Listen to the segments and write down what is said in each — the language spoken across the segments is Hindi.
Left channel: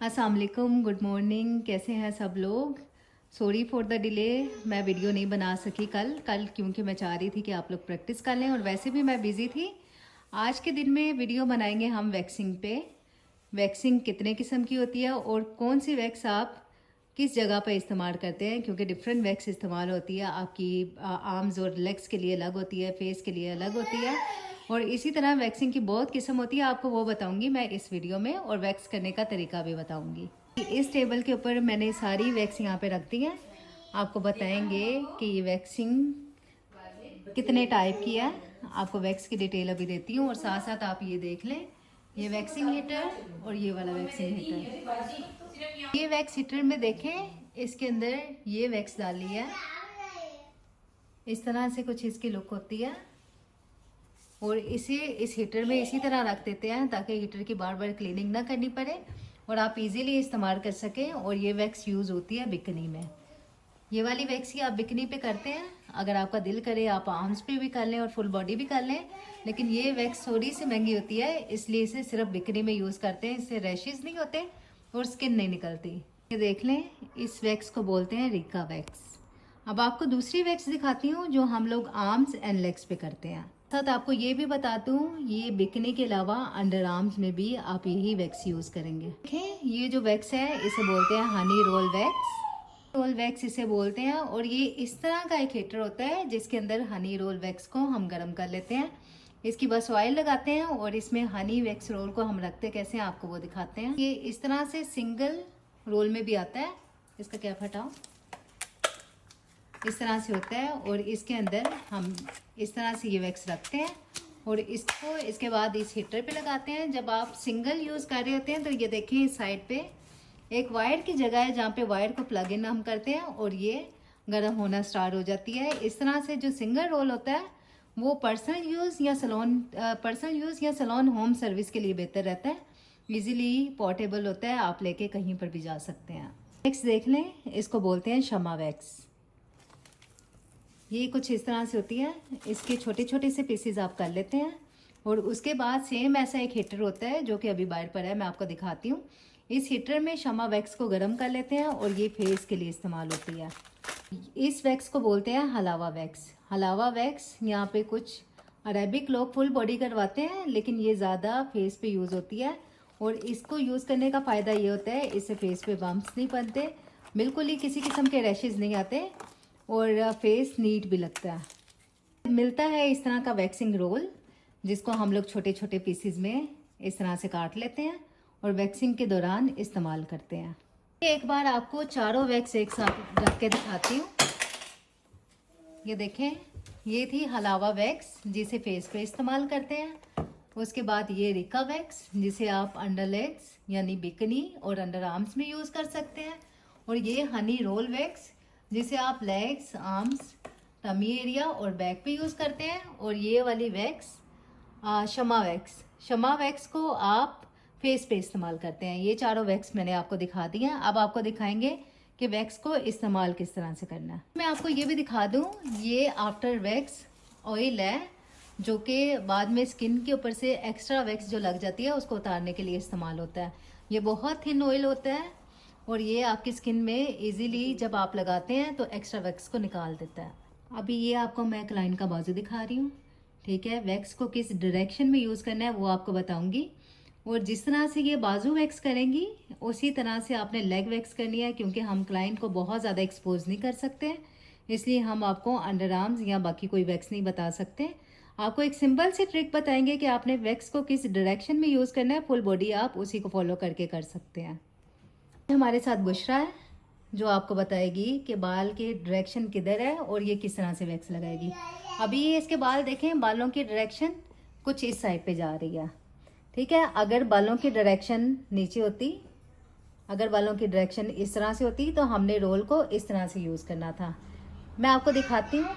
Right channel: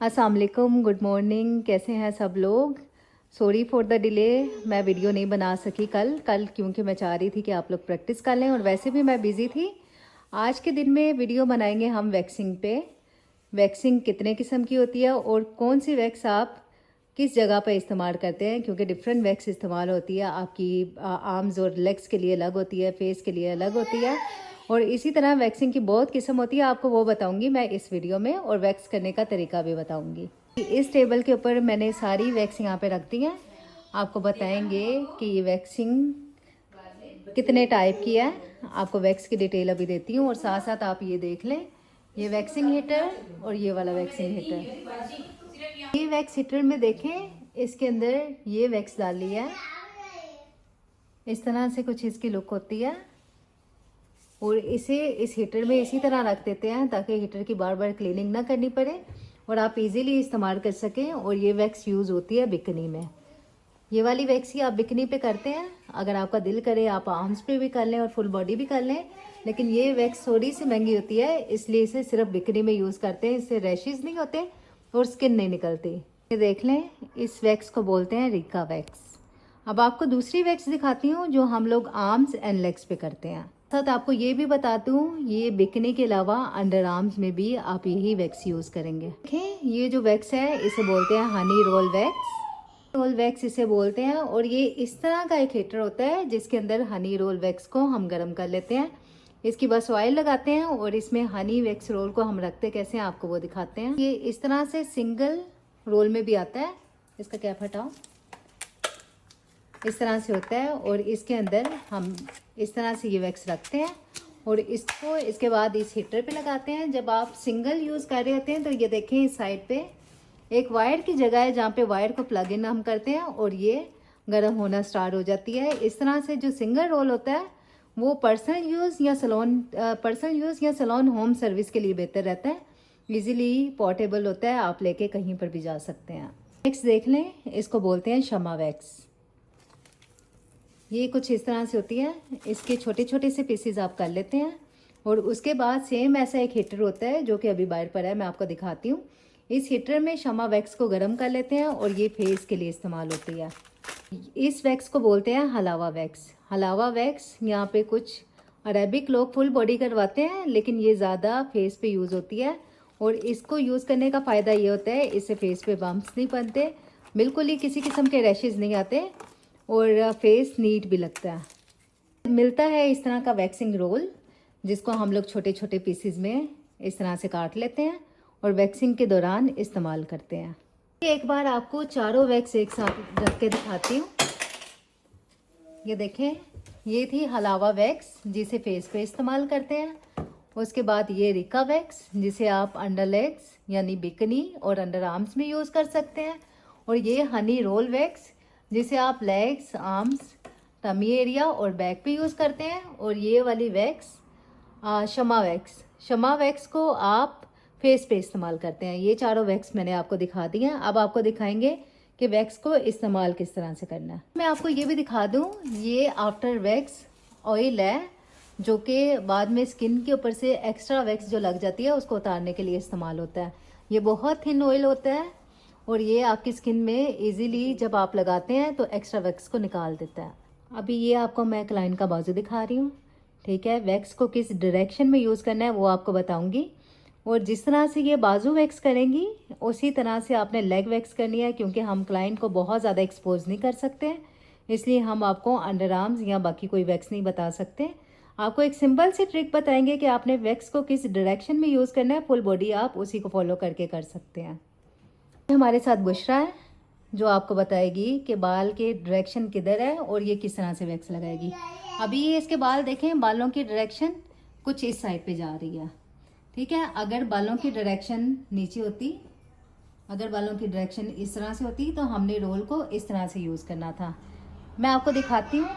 अस्सलाम वालेकुम, गुड मॉर्निंग। कैसे हैं सब लोग? Sorry for the delay. मैं वीडियो नहीं बना सकी कल क्योंकि मैं चाह रही थी कि आप लोग प्रैक्टिस कर लें और वैसे भी मैं बिज़ी थी। आज के दिन में वीडियो बनाएंगे हम वैक्सिंग पे। वैक्सिंग कितने किस्म की होती है और कौन सी वैक्स आप किस जगह पर इस्तेमाल करते हैं, क्योंकि डिफरेंट वैक्स इस्तेमाल होती है। आपकी आर्म्स और लेग्स के लिए अलग होती है, फेस के लिए अलग होती है और इसी तरह वैक्सिंग की बहुत किस्म होती है। आपको वो बताऊंगी मैं इस वीडियो में और वैक्स करने का तरीका भी बताऊंगी। इस टेबल के ऊपर मैंने सारी वैक्स यहाँ पे रख दी है। आपको बताएंगे कि ये वैक्सिंग कितने टाइप की है। आपको वैक्स की डिटेल अभी देती हूँ और साथ साथ आप ये देख लें, ये वैक्सिंग हीटर और ये वाला वैक्सिंग हीटर। ये वैक्स हीटर में देखें, इसके अंदर ये वैक्स डाली है। इस तरह से कुछ इसकी लुक होती है और इसे इस हीटर में इसी तरह रख देते हैं ताकि हीटर की बार बार क्लीनिंग ना करनी पड़े और आप इजीली इस्तेमाल कर सकें। और ये वैक्स यूज़ होती है बिकनी में। ये वाली वैक्स ही आप बिकनी पे करते हैं। अगर आपका दिल करे आप आर्म्स पे भी कर लें और फुल बॉडी भी कर लें, लेकिन ये वैक्स थोड़ी सी महंगी होती है, इसलिए इसे सिर्फ बिकनी में यूज़ करते हैं। इससे रैशेज नहीं होते और स्किन नहीं निकलती। ये देख लें, इस वैक्स को बोलते हैं रिका वैक्स। अब आपको दूसरी वैक्स दिखाती हूँ जो हम लोग आर्म्स एंड लेग्स पे करते हैं। साथ आपको ये भी बताती हूँ, ये बिकनी के अलावा अंडर आर्म्स में भी आप यही वैक्स यूज करेंगे। देखें, ये जो वैक्स है इसे बोलते हैं honey roll wax. Roll wax इसे बोलते हैं और ये इस तरह का एक हीटर होता है जिसके अंदर हनी रोल वैक्स को हम गर्म कर लेते हैं। इसकी बस ऑयल लगाते हैं और इसमें हनी वैक्स रोल को हम रखते कैसे हैं आपको वो दिखाते हैं। ये इस तरह से सिंगल रोल में भी आता है। इसका क्या हटाओ, इस तरह से होता है और इसके अंदर हम इस तरह से ये वैक्स रखते हैं और इसको इसके बाद इस हीटर पे लगाते हैं। जब आप सिंगल यूज़ कर रहे होते हैं तो ये देखें, इस साइड पे एक वायर की जगह है जहाँ पे वायर को प्लग इन हम करते हैं और ये गर्म होना स्टार्ट हो जाती है। इस तरह से जो सिंगल रोल होता है वो पर्सनल यूज़ या सैलून होम सर्विस के लिए बेहतर रहता है। ईजिली पोर्टेबल होता है, आप लेके कहीं पर भी जा सकते हैं। वैक्स देख लें, इसको बोलते हैं शमा वैक्स। ये कुछ इस तरह से होती है। इसके छोटे छोटे से पीसेस आप कर लेते हैं और उसके बाद सेम ऐसा एक हीटर होता है जो कि अभी बाहर पर है, मैं आपको दिखाती हूँ। इस हीटर में शमा वैक्स को गर्म कर लेते हैं और ये फेस के लिए इस्तेमाल होती है। इस वैक्स को बोलते हैं हलावा वैक्स। हलावा वैक्स यहाँ पे कुछ अरेबिक लोग फुल बॉडी करवाते हैं, लेकिन ये ज़्यादा फेस पे यूज़ होती है और इसको यूज़ करने का फ़ायदा ये होता है, इससे फेस पे बम्प्स नहीं बनते, बिल्कुल ही किसी किस्म के रैशेज नहीं आते और फेस नीट भी लगता है। मिलता है इस तरह का वैक्सिंग रोल जिसको हम लोग छोटे छोटे पीसेस में इस तरह से काट लेते हैं और वैक्सिंग के दौरान इस्तेमाल करते हैं। एक बार आपको चारों वैक्स एक साथ रख के दिखाती हूँ। ये देखें, ये थी हलावा वैक्स जिसे फेस पे इस्तेमाल करते हैं। उसके बाद ये रिका वैक्स जिसे आप अंडर लेग्स यानी बिकनी और अंडर आर्म्स में यूज़ कर सकते हैं। और ये हनी रोल वैक्स जिसे आप लेग्स, आर्म्स, टमी एरिया और बैक पे यूज़ करते हैं। और ये वाली वैक्स शमा वैक्स। शमा वैक्स को आप फेस पे इस्तेमाल करते हैं। ये चारों वैक्स मैंने आपको दिखा दी हैं। अब आपको दिखाएंगे कि वैक्स को इस्तेमाल किस तरह से करना है। मैं आपको ये भी दिखा दूं, ये आफ्टर वैक्स ऑयल है जो कि बाद में स्किन के ऊपर से एक्स्ट्रा वैक्स जो लग जाती है उसको उतारने के लिए इस्तेमाल होता है। ये बहुत थिन ऑयल होता है और ये आपकी स्किन में इजीली जब आप लगाते हैं तो एक्स्ट्रा वैक्स को निकाल देता है। अभी ये आपको मैं क्लाइंट का बाजू दिखा रही हूँ, ठीक है। वैक्स को किस डायरेक्शन में यूज़ करना है वो आपको बताऊंगी और जिस तरह से ये बाजू वैक्स करेंगी उसी तरह से आपने लेग वैक्स करनी है, क्योंकि हम क्लाइंट को बहुत ज़्यादा एक्सपोज नहीं कर सकते, इसलिए हम आपको अंडर आर्म्स या बाकी कोई वैक्स नहीं बता सकते। आपको एक सिंपल सी ट्रिक बताएंगे कि आपने वैक्स को किस डायरेक्शन में यूज़ करना है। फुल बॉडी आप उसी को फॉलो करके कर सकते हैं। हमारे साथ बुशरा है जो आपको बताएगी कि बाल के डायरेक्शन किधर है और ये किस तरह से वैक्स लगाएगी। अभी ये इसके बाल देखें, बालों की डायरेक्शन कुछ इस साइड पे जा रही है, ठीक है। अगर बालों की डायरेक्शन नीचे होती, अगर बालों की डायरेक्शन इस तरह से होती तो हमने रोल को इस तरह से यूज़ करना था। मैं आपको दिखाती हूँ,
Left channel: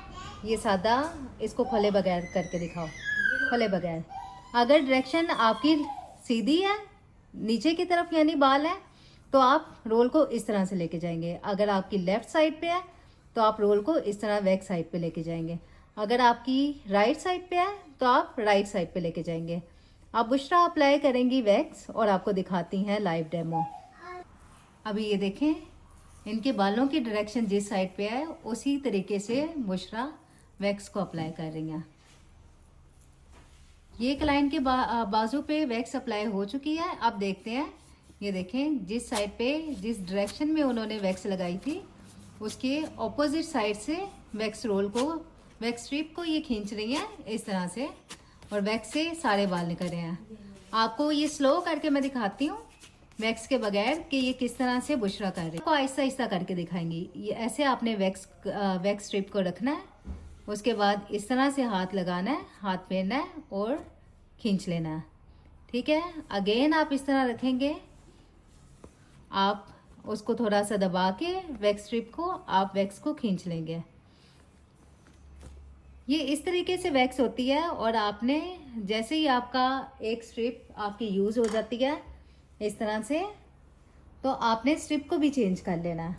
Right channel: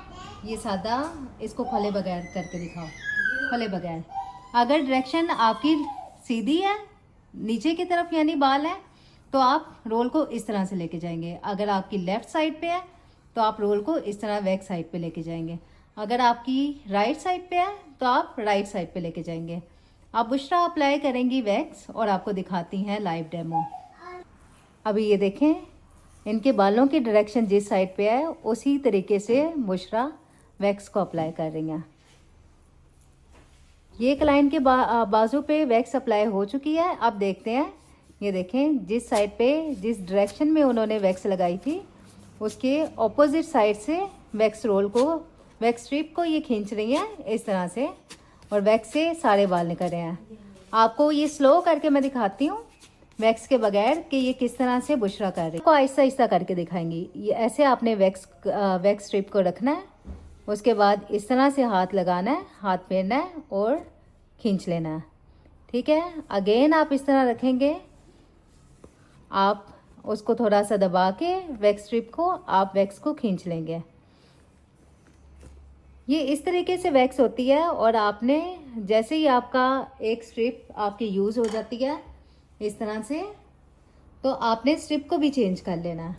ये सादा, इसको फले बगैर करके दिखाओ, फले बगैर। अगर डायरेक्शन आपकी सीधी है नीचे की तरफ यानी बाल है तो आप रोल को इस तरह से लेके जाएंगे। अगर आपकी लेफ्ट साइड पे है तो आप रोल को इस तरह बैक साइड पे लेके जाएंगे। अगर आपकी राइट साइड पे है तो आप राइट साइड पे लेके जाएंगे। अब बुशरा अप्लाई करेंगी वैक्स और आपको दिखाती हैं लाइव डेमो। अभी ये देखें, इनके बालों की डायरेक्शन जिस साइड पे है उसी तरीके से बुशरा वैक्स को अप्लाई कर रही हैं। ये क्लाइंट के बाजू पे वैक्स अप्लाई हो चुकी है। अब देखते हैं, ये देखें जिस साइड पे जिस डायरेक्शन में उन्होंने वैक्स लगाई थी उसके ऑपोजिट साइड से वैक्स रोल को, वैक्स स्ट्रिप को ये खींच रही हैं इस तरह से, और वैक्स से सारे बाल निकल रहे हैं। आपको ये स्लो करके मैं दिखाती हूँ वैक्स के बगैर कि ये किस तरह से बुशरा कर रही है। आपको आहिस्ता आहिस्ता करके दिखाएंगी। ये ऐसे आपने वैक्स स्ट्रिप को रखना है, उसके बाद इस तरह से हाथ लगाना है, हाथ फेरना है और खींच लेना है। ठीक है, अगेन आप इस तरह रखेंगे, आप उसको थोड़ा सा दबा के वैक्स स्ट्रिप को आप वैक्स को खींच लेंगे। ये इस तरीके से वैक्स होती है। और आपने जैसे ही आपका एक स्ट्रिप आपकी यूज हो जाती है इस तरह से, तो आपने स्ट्रिप को भी चेंज कर लेना है।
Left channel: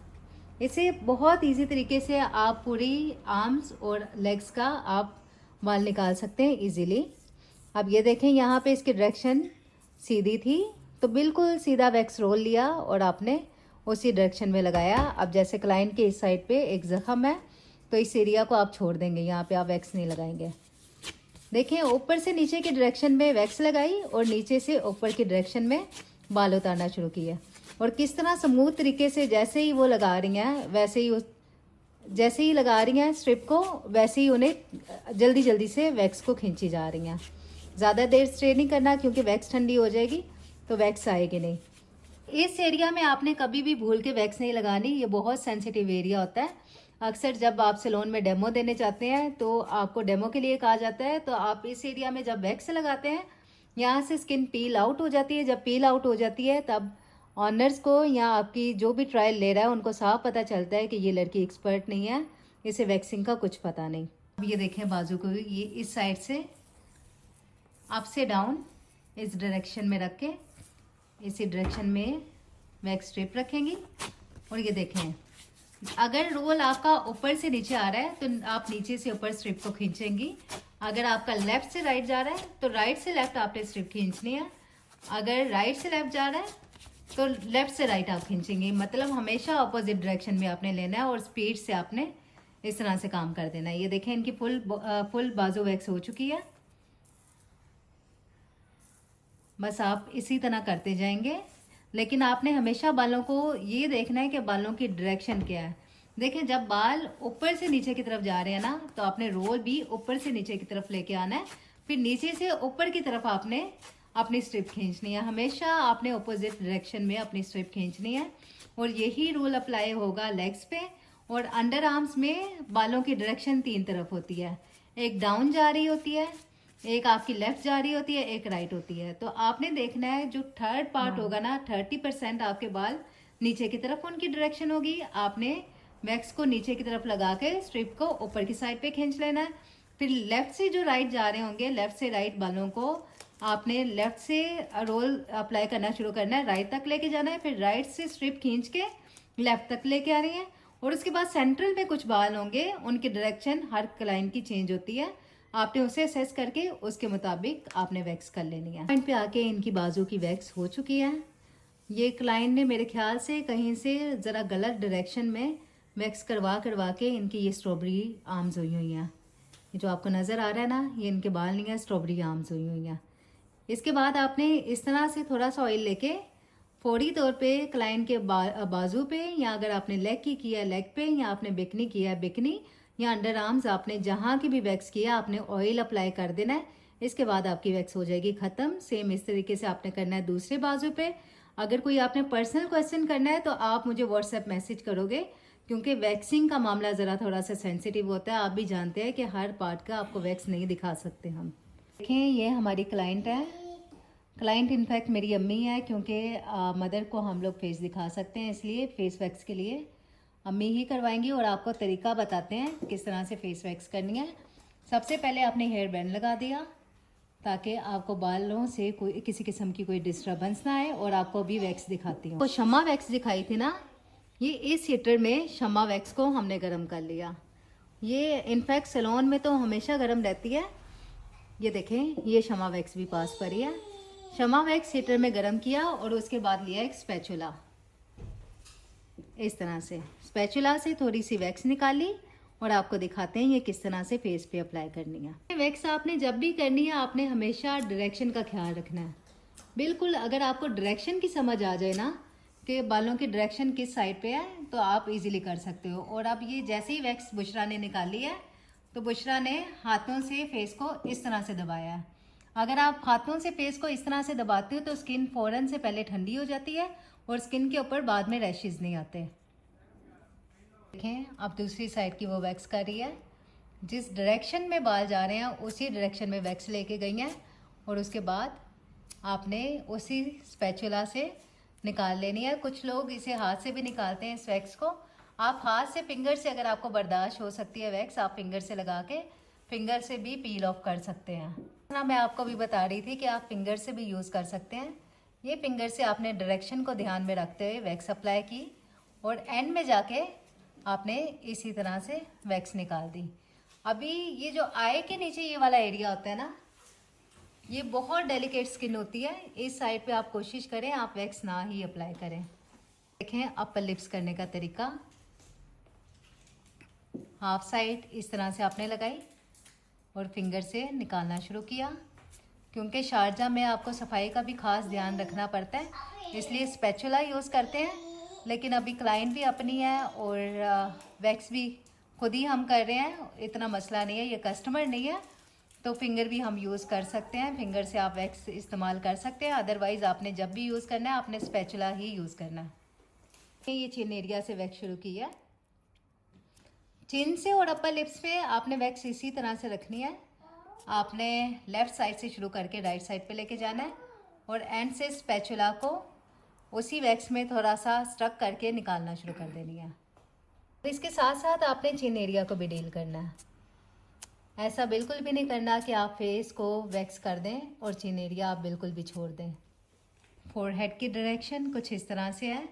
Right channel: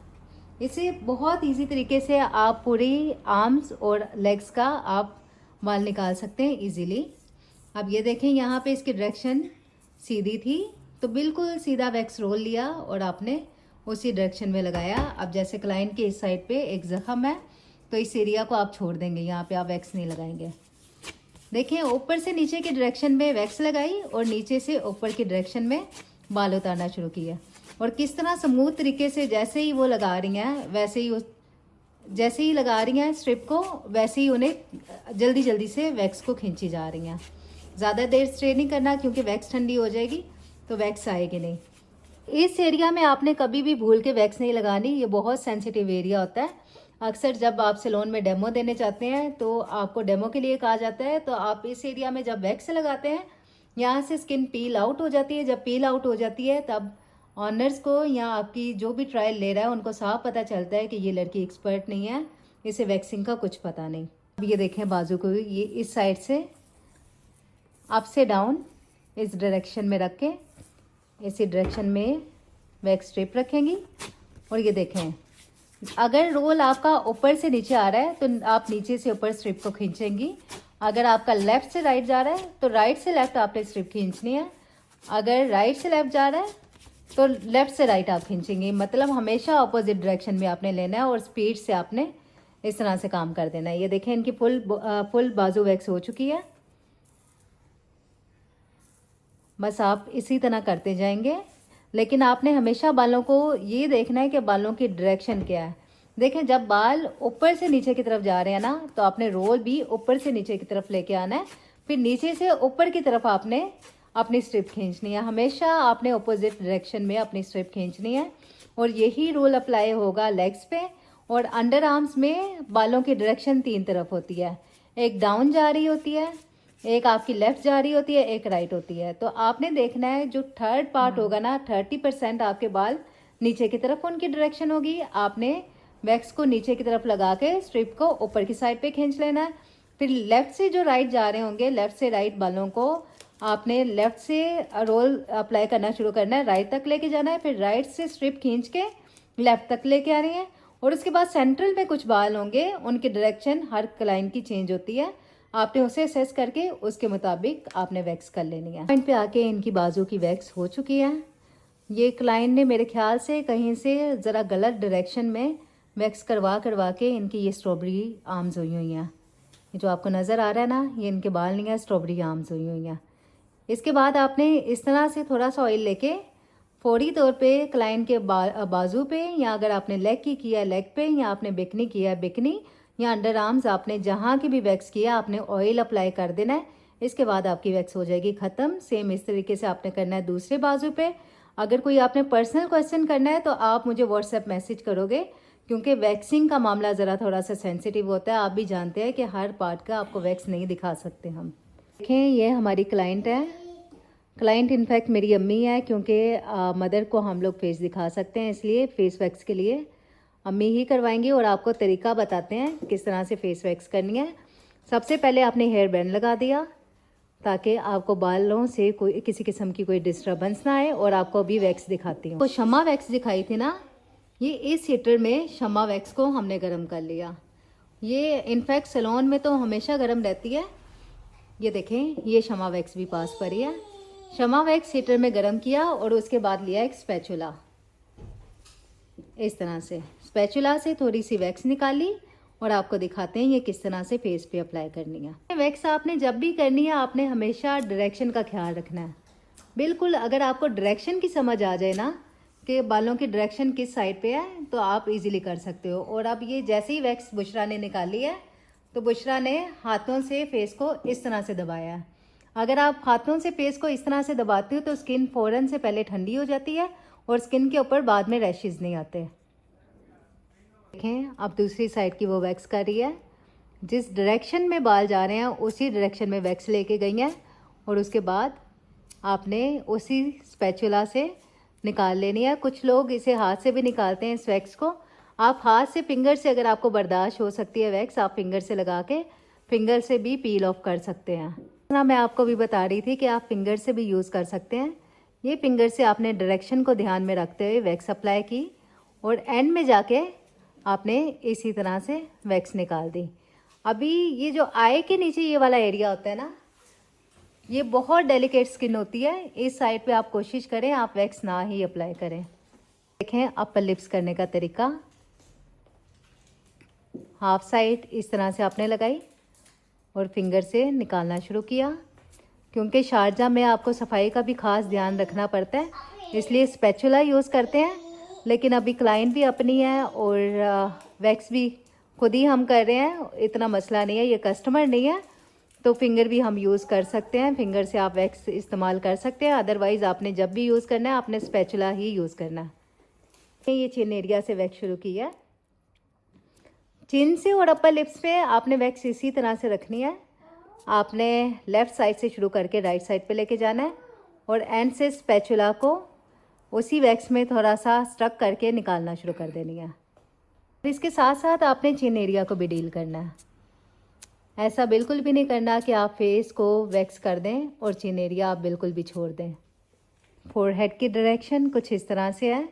इसे बहुत इजी तरीके से आप पूरी आर्म्स और लेग्स का आप बाल निकाल सकते हैं इजीली। अब ये देखें, यहाँ पे इसकी डायरेक्शन सीधी थी तो बिल्कुल सीधा वैक्स रोल लिया और आपने उसी डायरेक्शन में लगाया। अब जैसे क्लाइंट के इस साइड पे एक जख्म है तो इस एरिया को आप छोड़ देंगे, यहाँ पे आप वैक्स नहीं लगाएंगे। देखें, ऊपर से नीचे की डायरेक्शन में वैक्स लगाई और नीचे से ऊपर की डायरेक्शन में बाल उतारना शुरू किया। और किस तरह स्मूथ तरीके से जैसे ही वो लगा रही हैं वैसे ही जैसे ही लगा रही हैं स्ट्रिप को, वैसे ही उन्हें जल्दी जल्दी से वैक्स को खींची जा रही हैं। ज़्यादा देर स्ट्रे नहीं करना क्योंकि वैक्स ठंडी हो जाएगी तो वैक्स आएगी नहीं। इस एरिया में आपने कभी भी भूल के वैक्स नहीं लगानी, ये बहुत सेंसिटिव एरिया होता है। अक्सर जब आप सैलून में डेमो देने जाते हैं तो आपको डेमो के लिए कहा जाता है, तो आप इस एरिया में जब वैक्स लगाते हैं यहाँ से स्किन पील आउट हो जाती है। जब पील आउट हो जाती है तब ऑनर्स को या आपकी जो भी ट्रायल ले रहा है उनको साफ पता चलता है कि ये लड़की एक्सपर्ट नहीं है, इसे वैक्सिंग का कुछ पता नहीं। अब ये देखें बाजू को, ये इस साइड से अप से डाउन इस डायरेक्शन में रख के इसी डायरेक्शन में वैक्स स्ट्रिप रखेंगी। और ये देखें, अगर रोल आपका ऊपर से नीचे आ रहा है तो आप नीचे से ऊपर स्ट्रिप को खींचेंगी। अगर आपका लेफ्ट से राइट जा रहा है तो राइट से लेफ्ट आपने स्ट्रिप खींचनी है। अगर राइट से लेफ्ट जा रहा है तो लेफ्ट से राइट आप खींचेंगे। मतलब हमेशा अपोजिट डायरेक्शन में आपने लेना है और स्पीड से आपने इस तरह से काम कर देना है। ये देखें, इनकी फुल बाजू वैक्स हो चुकी है। बस आप इसी तरह करते जाएंगे, लेकिन आपने हमेशा बालों को ये देखना है कि बालों की डायरेक्शन क्या है। देखें, जब बाल ऊपर से नीचे की तरफ जा रहे हैं ना तो आपने रोल भी ऊपर से नीचे की तरफ लेके आना है, फिर नीचे से ऊपर की तरफ आपने अपनी स्ट्रिप खींचनी है। हमेशा आपने अपोजिट डायरेक्शन में अपनी स्ट्रिप खींचनी है। और यही रूल अप्लाई होगा लेग्स पे। और अंडर आर्म्स में बालों की डायरेक्शन 3 तरफ होती है, एक डाउन जा रही होती है, एक आपकी लेफ्ट जा रही होती है, एक राइट होती है। तो आपने देखना है जो थर्ड पार्ट होगा ना, 30% आपके बाल नीचे की तरफ उनकी डायरेक्शन होगी। आपने वैक्स को नीचे की तरफ लगा के स्ट्रिप को ऊपर की साइड पे खींच लेना है। फिर लेफ्ट से जो राइट जा रहे होंगे, लेफ्ट से राइट बालों को आपने लेफ्ट से रोल अप्लाई करना शुरू करना है, राइट तक लेके जाना है, फिर राइट से स्ट्रिप खींच के लेफ्ट तक लेके आ रही है। और उसके बाद सेंट्रल में कुछ बाल होंगे, उनकी डायरेक्शन हर क्लाइंट की चेंज होती है। आपने उसे असेस करके उसके मुताबिक आपने वैक्स कर लेनी है। पॉइंट पे आके इनकी बाजू की वैक्स हो चुकी है। ये क्लाइंट ने मेरे ख्याल से कहीं से जरा गलत डायरेक्शन में वैक्स करवा के इनकी ये स्ट्रॉबेरी आर्म्स हुई हुई हैं। ये जो आपको नजर आ रहा है ना, ये इनके बाल नहीं है, स्ट्रॉबेरी आर्म्स हुई हुई हैं। इसके बाद आपने इस तरह से थोड़ा सा ऑयल लेके फौरी तौर पे क्लाइंट के बाजू पे, या अगर आपने लेग की किया लेग पे, या आपने बिकनी किया बिकनी, या अंडर आर्म्स, आपने जहां की भी वैक्स किया आपने ऑयल अप्लाई कर देना है। इसके बाद आपकी वैक्स हो जाएगी खत्म। सेम इस तरीके से आपने करना है दूसरे बाजू पे। अगर कोई आपने पर्सनल क्वेश्चन करना है तो आप मुझे व्हाट्सएप मैसेज करोगे, क्योंकि वैक्सिंग का मामला ज़रा थोड़ा सा सेंसिटिव होता है। आप भी जानते हैं कि हर पार्ट का आपको वैक्स नहीं दिखा सकते हम। देखें, ये हमारी क्लाइंट है। क्लाइंट इनफैक्ट मेरी अम्मी है, क्योंकि मदर को हम लोग फेस दिखा सकते हैं, इसलिए फेस वैक्स के लिए अम्मी ही करवाएंगी। और आपको तरीका बताते हैं किस तरह से फेस वैक्स करनी है। सबसे पहले आपने हेयर बैंड लगा दिया ताकि आपको बालों से कोई किसी किस्म की कोई डिस्टर्बेंस ना आए। और आपको अभी वैक्स दिखाती हूँ। तो शमा वैक्स दिखाई थी ना, ये इस हीटर में शमा वैक्स को हमने गर्म कर लिया। ये इनफैक्ट सैलून में तो हमेशा गर्म रहती है। ये देखें, ये शमा वैक्स भी पास पर ही है। शमा वैक्स हीटर में गर्म किया और उसके बाद लिया एक स्पैचुला। इस तरह से स्पैचुला से थोड़ी सी वैक्स निकाली और आपको दिखाते हैं ये किस तरह से फेस पे अप्लाई करनी है। वैक्स आपने जब भी करनी है आपने हमेशा डायरेक्शन का ख्याल रखना है। बिल्कुल अगर आपको डायरेक्शन की समझ आ जाए ना कि बालों की डायरेक्शन किस साइड पे है तो आप इजीली कर सकते हो। और अब ये जैसे ही वैक्स बुशरा ने निकाली है तो बुशरा ने हाथों से फेस को इस तरह से दबाया है। अगर आप हाथों से फेस को इस तरह से दबाते हो तो स्किन फौरन से पहले ठंडी हो जाती है और स्किन के ऊपर बाद में रैशेज नहीं आते। देखें अब दूसरी साइड की वो वैक्स कर रही है। जिस डायरेक्शन में बाल जा रहे हैं उसी डायरेक्शन में वैक्स लेके गई है और उसके बाद आपने उसी स्पैचुला से निकाल लेनी है। कुछ लोग इसे हाथ से भी निकालते हैं इस वैक्स को। आप हाथ से फिंगर से अगर आपको बर्दाश्त हो सकती है वैक्स आप फिंगर से लगा के फिंगर से भी पील ऑफ कर सकते हैं। मैं आपको भी बता रही थी कि आप फिंगर से भी यूज़ कर सकते हैं। ये फिंगर से आपने डायरेक्शन को ध्यान में रखते हुए वैक्स अप्लाई की और एंड में जाके आपने इसी तरह से वैक्स निकाल दी। अभी ये जो आई के नीचे ये वाला एरिया होता है ना, ये बहुत डेलिकेट स्किन होती है। इस साइड पे आप कोशिश करें आप वैक्स ना ही अप्लाई करें। देखें अपर लिप्स करने का तरीका। हाफ साइड इस तरह से आपने लगाई और फिंगर से निकालना शुरू किया। क्योंकि शारजा में आपको सफाई का भी खास ध्यान रखना पड़ता है इसलिए स्पैचुला यूज़ करते हैं। लेकिन अभी क्लाइंट भी अपनी है और वैक्स भी खुद ही हम कर रहे हैं, इतना मसला नहीं है, ये कस्टमर नहीं है तो फिंगर भी हम यूज़ कर सकते हैं। फिंगर से आप वैक्स इस्तेमाल कर सकते हैं। अदरवाइज आपने जब भी यूज़ करना है आपने स्पैचुला ही यूज़ करना है। ये चिन एरिया से वैक्स शुरू किया। चिन से और अपर लिप्स पे आपने वैक्स इसी तरह से रखनी है। आपने लेफ्ट साइड से शुरू करके राइट साइड पे लेके जाना है और एंड से स्पैचुला को उसी वैक्स में थोड़ा सा स्ट्रक करके निकालना शुरू कर देनी है। इसके साथ साथ आपने चिन एरिया को भी डील करना है। ऐसा बिल्कुल भी नहीं करना कि आप फेस को वैक्स कर दें और चिन एरिया आप बिल्कुल भी छोड़ दें। फोरहेड की डायरेक्शन कुछ इस तरह से है।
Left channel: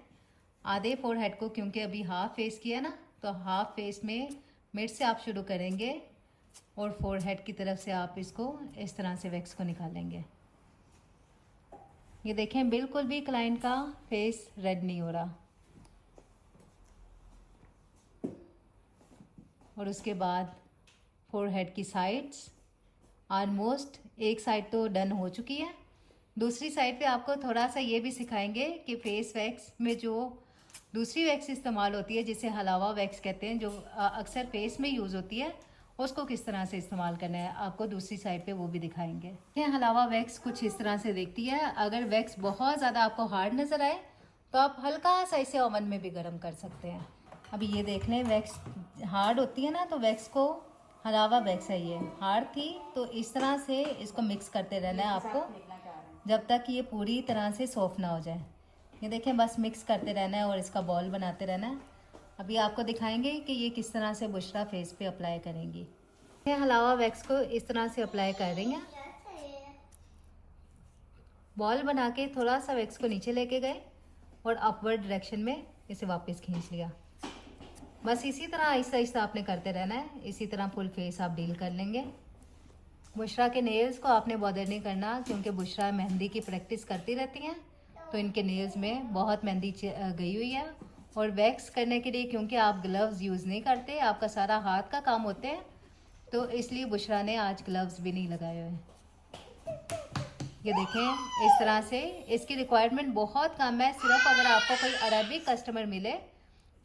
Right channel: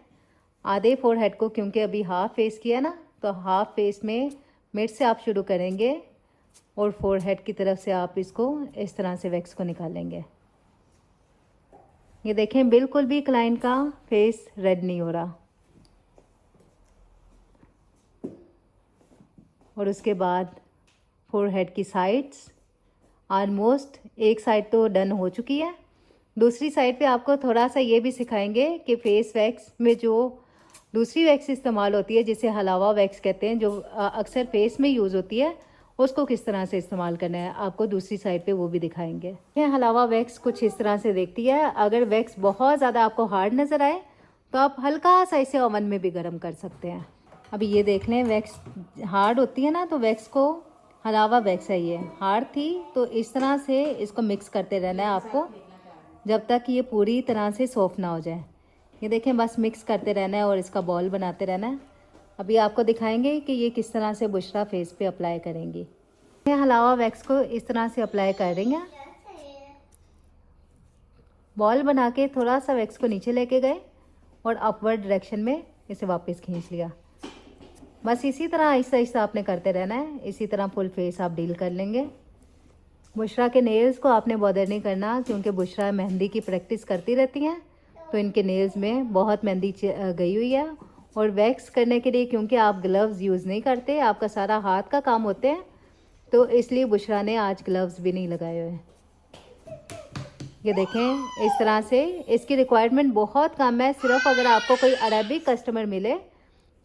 आधे फोरहेड को क्योंकि अभी हाफ फेस किया ना तो हाफ फेस में मिड से आप शुरू करेंगे और फोरहेड की तरफ से आप इसको इस तरह से वैक्स को निकालेंगे। ये देखें बिल्कुल भी क्लाइंट का फेस रेड नहीं हो रहा। और उसके बाद फोरहेड की साइड्स ऑलमोस्ट एक साइड तो डन हो चुकी है। दूसरी साइड पे आपको थोड़ा सा ये भी सिखाएंगे कि फेस वैक्स में जो दूसरी वैक्स इस्तेमाल होती है जिसे हलावा वैक्स कहते हैं, जो अक्सर फेस में यूज़ होती है, उसको किस तरह से इस्तेमाल करना है आपको दूसरी साइड पे वो भी दिखाएंगे। ये हलावा वैक्स कुछ इस तरह से देखती है। अगर वैक्स बहुत ज़्यादा आपको हार्ड नज़र आए तो आप हल्का सा इसे ओवन में भी गर्म कर सकते हैं। अभी ये देख लें वैक्स हार्ड होती है ना तो वैक्स को हलावा वैक्स है, ये हार्ड थी तो इस तरह से इसको मिक्स करते रहना है आपको जब तक ये पूरी तरह से सॉफ्ट ना हो जाए। ये देखें बस मिक्स करते रहना है और इसका बॉल बनाते रहना है। अभी आपको दिखाएंगे कि ये किस तरह से बुशरा फेस पे अप्लाई करेंगी। ये हलावा वैक्स को इस तरह से अप्लाई कर देंगे। बॉल बना के थोड़ा सा वैक्स को नीचे लेके गए और अपवर्ड डायरेक्शन में इसे वापस खींच लिया। बस इसी तरह आहिस्ता आहिस्ता आपने करते रहना है। इसी तरह फुल फेस आप डील कर लेंगे। बुशरा के नेल्स को आपने बॉदर नहीं करना क्योंकि बुशरा मेहंदी की प्रैक्टिस करती रहती हैं तो इनके नेल्स में बहुत मेहंदी गई हुई है। और वैक्स करने के लिए क्योंकि आप ग्लव्स यूज़ नहीं करते, आपका सारा हाथ का काम होते हैं तो इसलिए बुशरा ने आज ग्लव्स भी नहीं लगाए हुए। ये देखें इस तरह से इसकी रिक्वायरमेंट बहुत कम है। सिर्फ अगर आपको कोई अरबिक कस्टमर मिले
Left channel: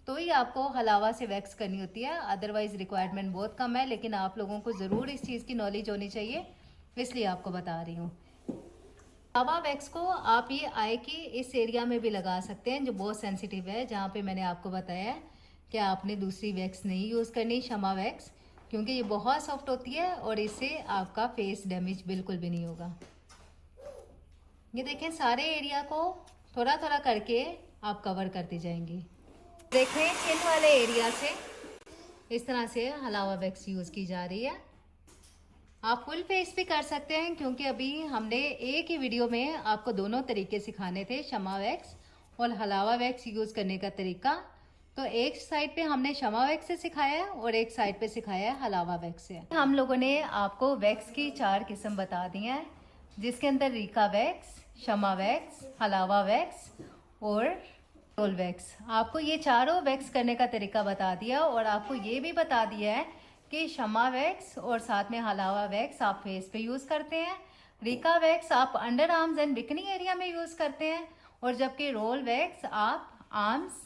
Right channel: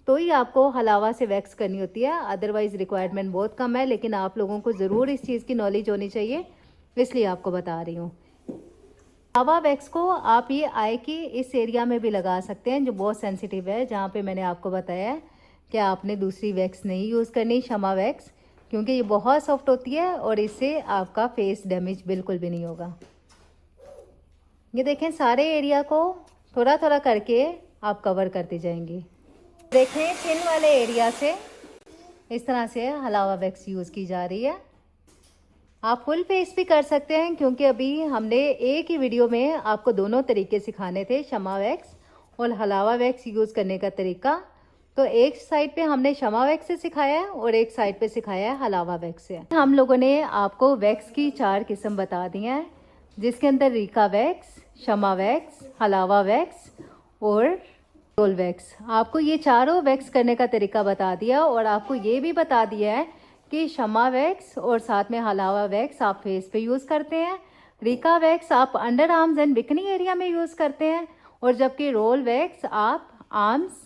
तो ही आपको हलावा से वैक्स करनी होती है, अदरवाइज रिक्वायरमेंट बहुत कम है। लेकिन आप लोगों को ज़रूर इस चीज़ की नॉलेज होनी चाहिए इसलिए आपको बता रही हूँ। हलावा वैक्स को आप ये आई की इस एरिया में भी लगा सकते हैं जो बहुत सेंसिटिव है, जहाँ पे मैंने आपको बताया है कि आपने दूसरी वैक्स नहीं यूज़ करनी, शमा वैक्स, क्योंकि ये बहुत सॉफ्ट होती है और इससे आपका फेस डैमेज बिल्कुल भी नहीं होगा। ये देखें सारे एरिया को थोड़ा थोड़ा करके आप कवर करती जाएंगी। देखें चिन वाले एरिया से इस तरह से हलावा वैक्स यूज़ की जा रही है। आप फुल फेस भी कर सकते हैं क्योंकि अभी हमने एक ही वीडियो में आपको दोनों तरीके सिखाने थे, शमा वैक्स और हलावा वैक्स यूज़ करने का तरीका। तो एक साइड पे हमने शमा वैक्स से सिखाया है और एक साइड पे सिखाया है हलावा वैक्स से। हम लोगों ने आपको वैक्स की 4 किस्म बता दी हैं जिसके अंदर रीका वैक्स, शमा वैक्स, हलावा वैक्स और रोल वैक्स। आपको ये चारों वैक्स करने का तरीका बता दिया और आपको ये भी बता दिया है कि शमा वैक्स और साथ में हलावा वैक्स आप फेस पे यूज करते हैं, रिका वैक्स आप under arms and bikini area में यूज करते हैं, और जबकि रोल वैक्स आप आर्म्स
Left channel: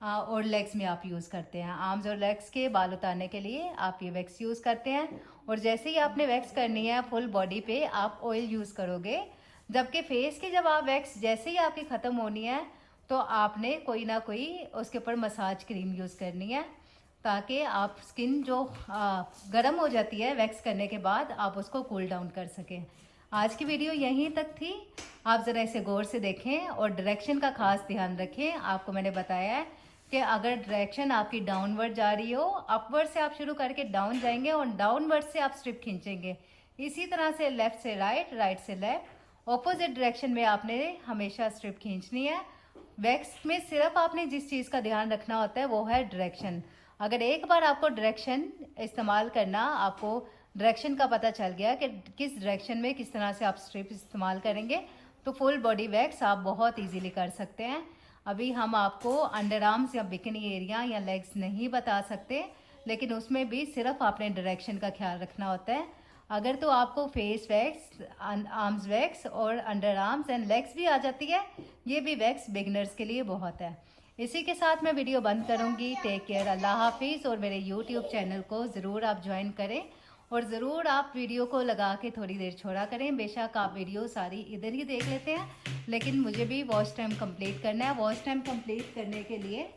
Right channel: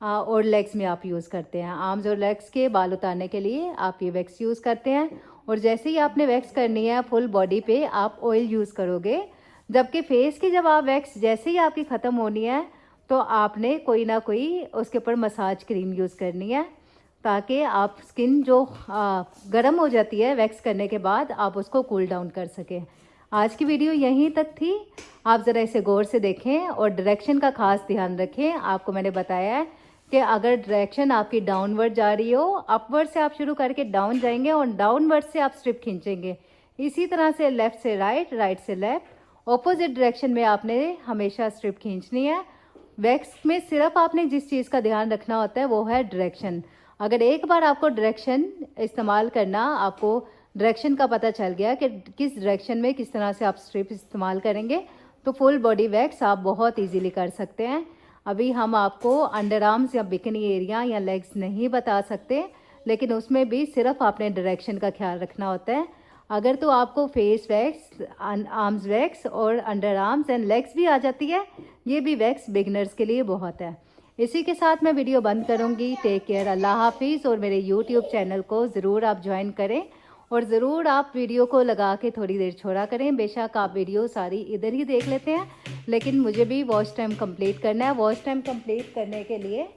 और लेग्स में आप यूज करते हैं। आर्म्स और लेग्स के बाल उतारने के लिए आप ये वैक्स यूज करते हैं। और जैसे ही आपने वैक्स करनी है फुल बॉडी पे आप ऑयल यूज करोगे, जबकि फेस की जब आप वैक्स जैसे ही आपकी खत्म होनी है तो आपने कोई ना कोई उसके ऊपर मसाज क्रीम यूज करनी है, ताकि आप स्किन जो गर्म हो जाती है वैक्स करने के बाद आप उसको कूल डाउन कर सकें। आज की वीडियो यहीं तक थी। आप ज़रा इसे गौर से देखें और डायरेक्शन का खास ध्यान रखें। आपको मैंने बताया है कि अगर डायरेक्शन आपकी डाउनवर्ड जा रही हो, अपवर्ड से आप शुरू करके डाउन जाएंगे और डाउनवर्ड से आप स्ट्रिप खींचेंगे। इसी तरह से लेफ्ट से राइट, राइट से लेफ्ट, ऑपोजिट डायरेक्शन में आपने हमेशा स्ट्रिप खींचनी है। वैक्स में सिर्फ आपने जिस चीज़ का ध्यान रखना होता है वो है डायरेक्शन। अगर एक बार आपको डायरेक्शन इस्तेमाल करना, आपको डायरेक्शन का पता चल गया कि किस डायरेक्शन में किस तरह से आप स्ट्रिप इस्तेमाल करेंगे, तो फुल बॉडी वैक्स आप बहुत इजीली कर सकते हैं। अभी हम आपको अंडर आर्म्स या बिकनी एरिया या लेग्स नहीं बता सकते, लेकिन उसमें भी सिर्फ आपने डायरेक्शन का ख्याल रखना होता है। अगर तो आपको फेस वैक्स, आर्म्स वैक्स और अंडर आर्म्स एंड लेग्स भी आ जाती है, ये भी वैक्स बिगनर्स के लिए बहुत है। इसी के साथ मैं वीडियो बंद करूंगी। टेक केयर, अल्लाह हाफिज। और मेरे यूट्यूब चैनल को ज़रूर आप ज्वाइन करें और ज़रूर आप वीडियो को लगा के थोड़ी देर छोड़ा करें। बेशक आप वीडियो सारी इधर ही देख लेते हैं, लेकिन मुझे भी वॉच टाइम कंप्लीट करना है। वॉच टाइम कंप्लीट करने के लिए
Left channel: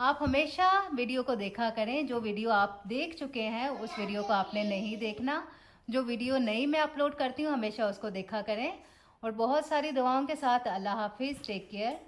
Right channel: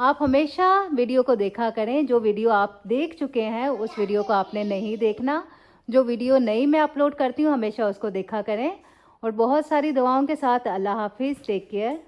आप हमेशा वीडियो को देखा करें। जो वीडियो आप देख चुके हैं उस वीडियो को आपने नहीं देखना। जो वीडियो नई मैं अपलोड करती हूँ हमेशा उसको देखा करें। और बहुत सारी दुआओं के साथ अल्लाह हाफिज। Take care.